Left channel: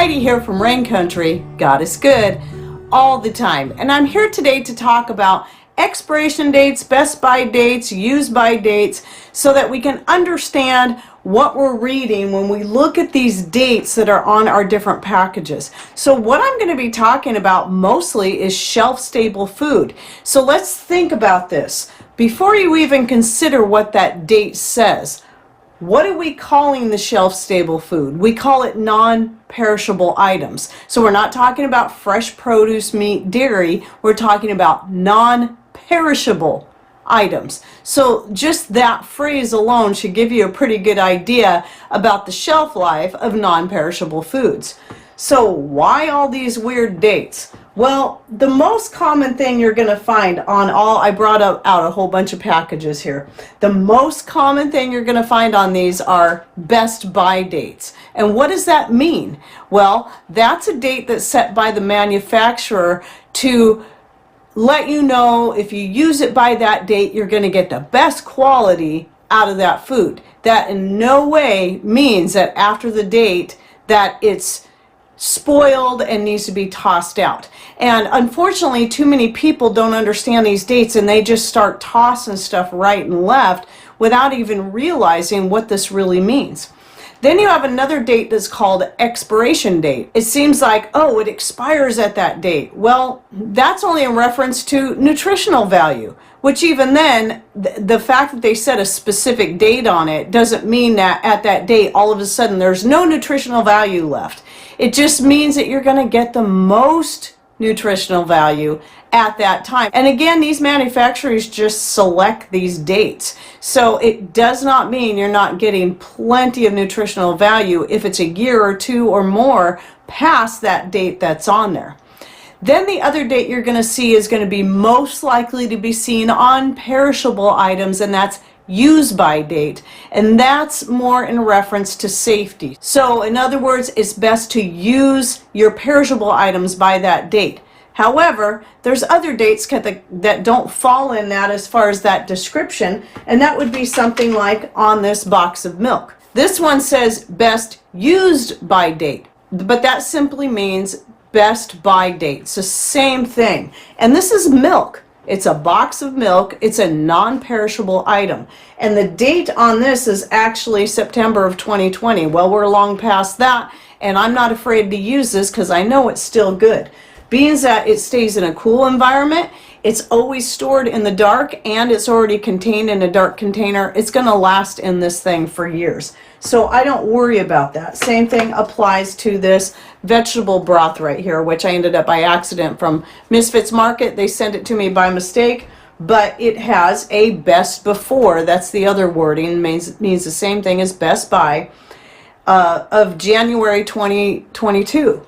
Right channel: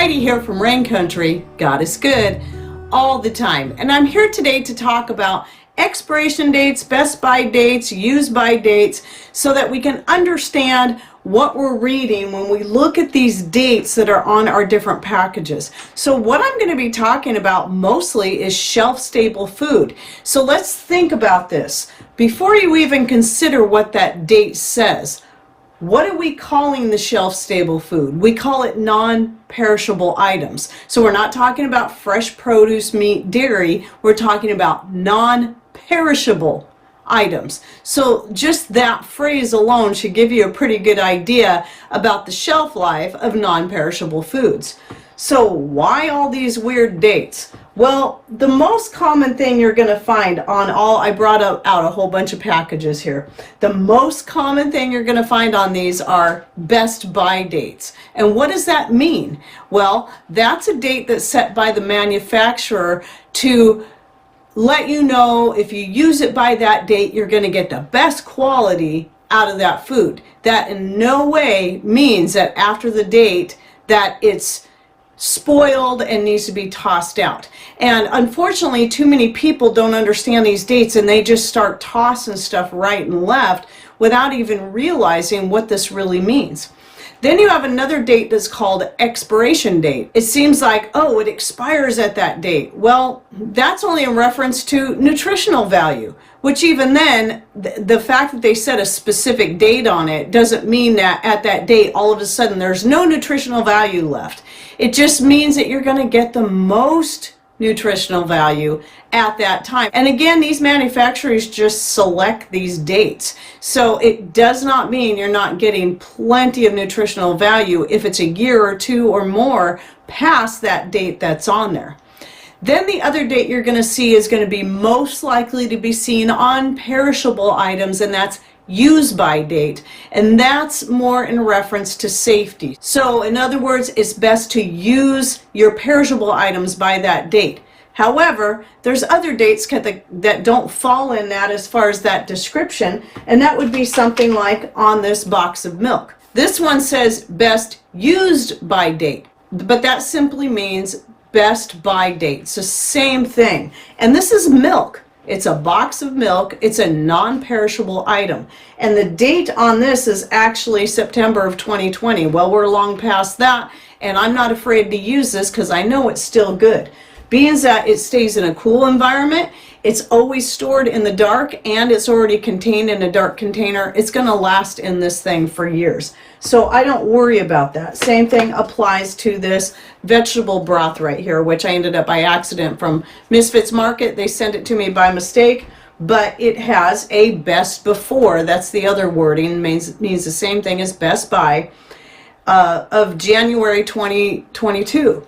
Heidi here from Rain Country. God is good all the time. And I'm here today to talk about expiration dates, best by dates, use by dates, so that we can understand what we're reading when we look at these dates that are on our different packages. So what I'm going to be talking about mostly is shelf-stable food. So let's think about this. Before you even consider what that date says, what are we calling the shelf-stable food? We call it non-perishable items. So we're not talking about fresh produce, meat, dairy. We're talking about non-perishable items. So just that phrase alone should give you a pretty good idea about the shelf life of non-perishable foods. So why all these weird dates? Well, the most common thing you're going to find on all, I brought out a whole bunch of packages here. The most common thing you're going to find on these are best by dates. And what does that mean? Well, that's a date that's set by the manufacturer to let you know if you use it by that date, you're going to get the best quality out of that food. That in no way means that after the date that it's spoiled and needs to be tossed out. And unfortunately, too many people don't understand these dates, and they just start tossing stuff right and left without even realizing what this really means. Then you have another date that's called expiration date. It seems like, oh, it expires at that date. Well, that's only in reference to nutritional value, which even then, the fact that they set a specific date on it doesn't mean that at that date, all of a sudden, there's no nutritional value left. It just means that you're going to get the most nutritional value at that time. And again, these manufacturers just select these dates. So it does not mean you're not getting plenty of nutritional value if it's a year or two or more past that date that's on there. Then the other date you're going to see is going to be most likely to be seen on perishable items, and that's use by date, and that's more in reference to safety. So in other words, it's best to use your perishable items by that date. However, there's other dates that don't fall in that as far as that description, and that would be something like on this box of milk. This one says best used by date, but that simply means best by date. So same thing. And this is milk. It's a box of milk. It's a non-perishable item. And the date on this is actually September of 2020. Well, we're long past that, and I'm not afraid to use this because I know it's still good. Being that it stays in a cool environment, it's always stored in the dark, and it's already contained in a dark container, it's going to last in this thing for years. So I don't worry about that. Same thing applies to this vegetable broth right here, which I ended up by accident from Misfits Market. They sent it to me by mistake, but it has a best before. That's the other wording, means the same thing as best by of January 2022.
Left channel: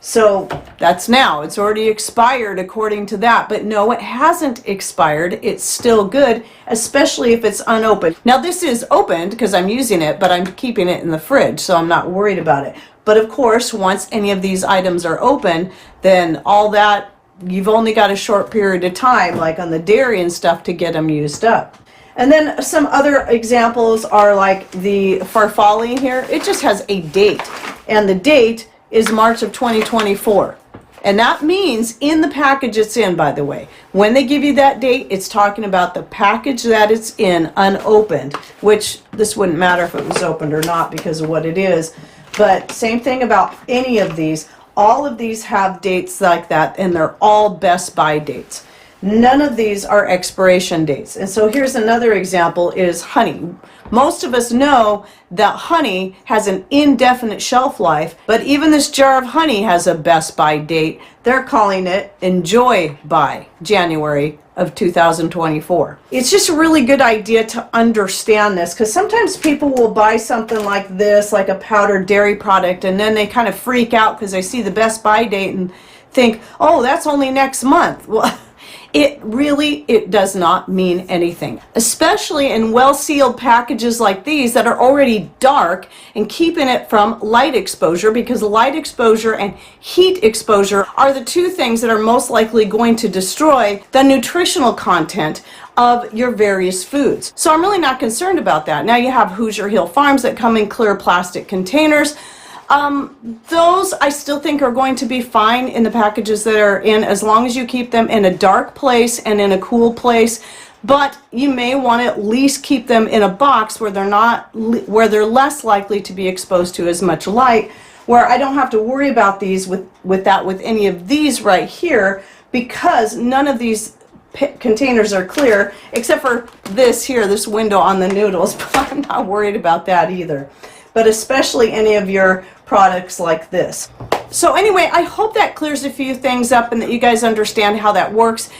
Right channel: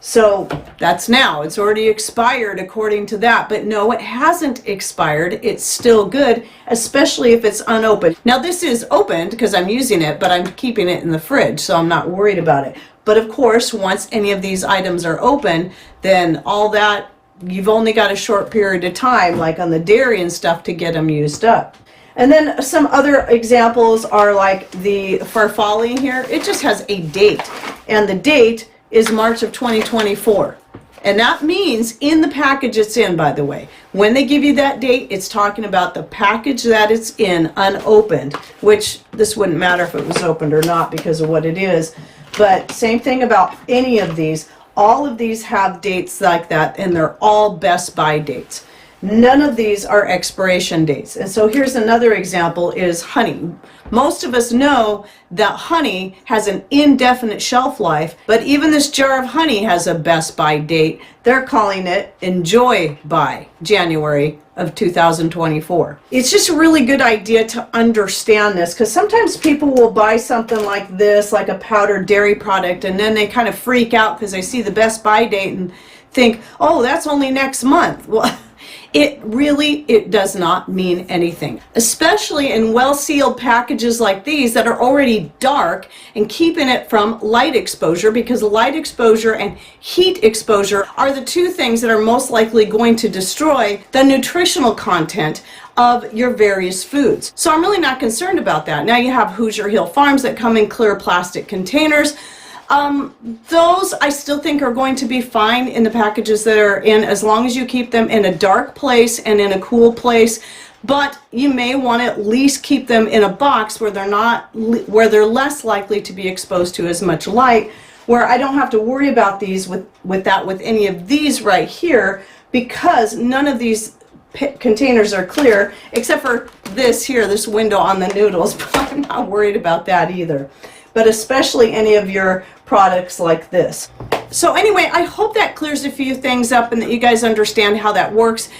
So that's now. It's already expired according to that. But no, it hasn't expired. It's still good, especially if it's unopened. Now this is opened because I'm using it, but I'm keeping it in the fridge, so I'm not worried about it. But of course, once any of these items are open, then all that, you've only got a short period of time, like on the dairy and stuff, to get them used up. And then some other examples are like the farfalle here. It just has a date, and the date is March of 2024. And that means in the package it's in, by the way. When they give you that date, it's talking about the package that it's in, unopened, which this wouldn't matter if it was opened or not because of what it is. But same thing about any of these. All of these have dates like that, and they're all best by dates. None of these are expiration dates. And so here's another example is honey. Most of us know that honey has an indefinite shelf life, but even this jar of honey has a best by date. They're calling it enjoy by January of 2024. It's just a really good idea to understand this, because sometimes people will buy something like this, like a powdered dairy product, and then they kind of freak out because they see the best by date and think, oh, that's only next month. Well, it does not mean anything, especially in well-sealed packages like these that are already dark and keeping it from light exposure, because light exposure and heat exposure are the two things that are most likely going to destroy the nutritional content of your various foods. So I'm really not concerned about that. Now you have Hoosier Hill Farms that come in clear plastic containers. Those I still think are going to be fine in the packages that are in, as long as you keep them in a dark place and in a cool place. But you may want to at least keep them in a box where they're less likely to be exposed to as much light, where I don't have to worry about these with any of these right here, because none of these containers are clear except for this here, this window on the noodles, but I'm not worried about that either. But especially any of your products like this. So anyway, I hope that clears a few things up and that you guys understand how that works,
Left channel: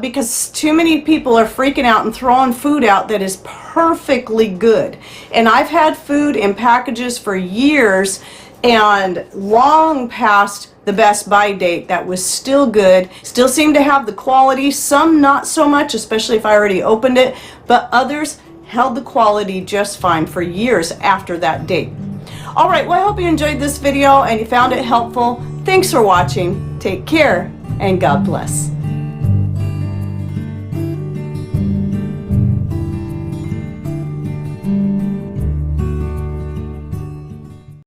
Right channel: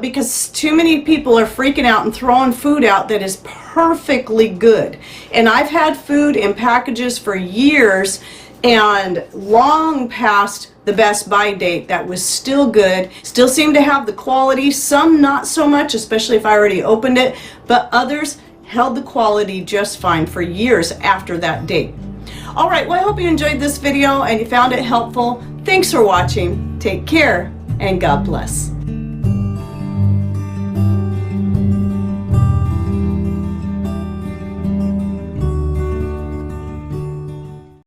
because too many people are freaking out and throwing food out that is perfectly good. And I've had food in packages for years and long past the best by date that was still good, still seemed to have the quality, some not so much, especially if I already opened it, but others held the quality just fine for years after that date. All right, well, I hope you enjoyed this video and you found it helpful. Thanks for watching. Take care and God bless.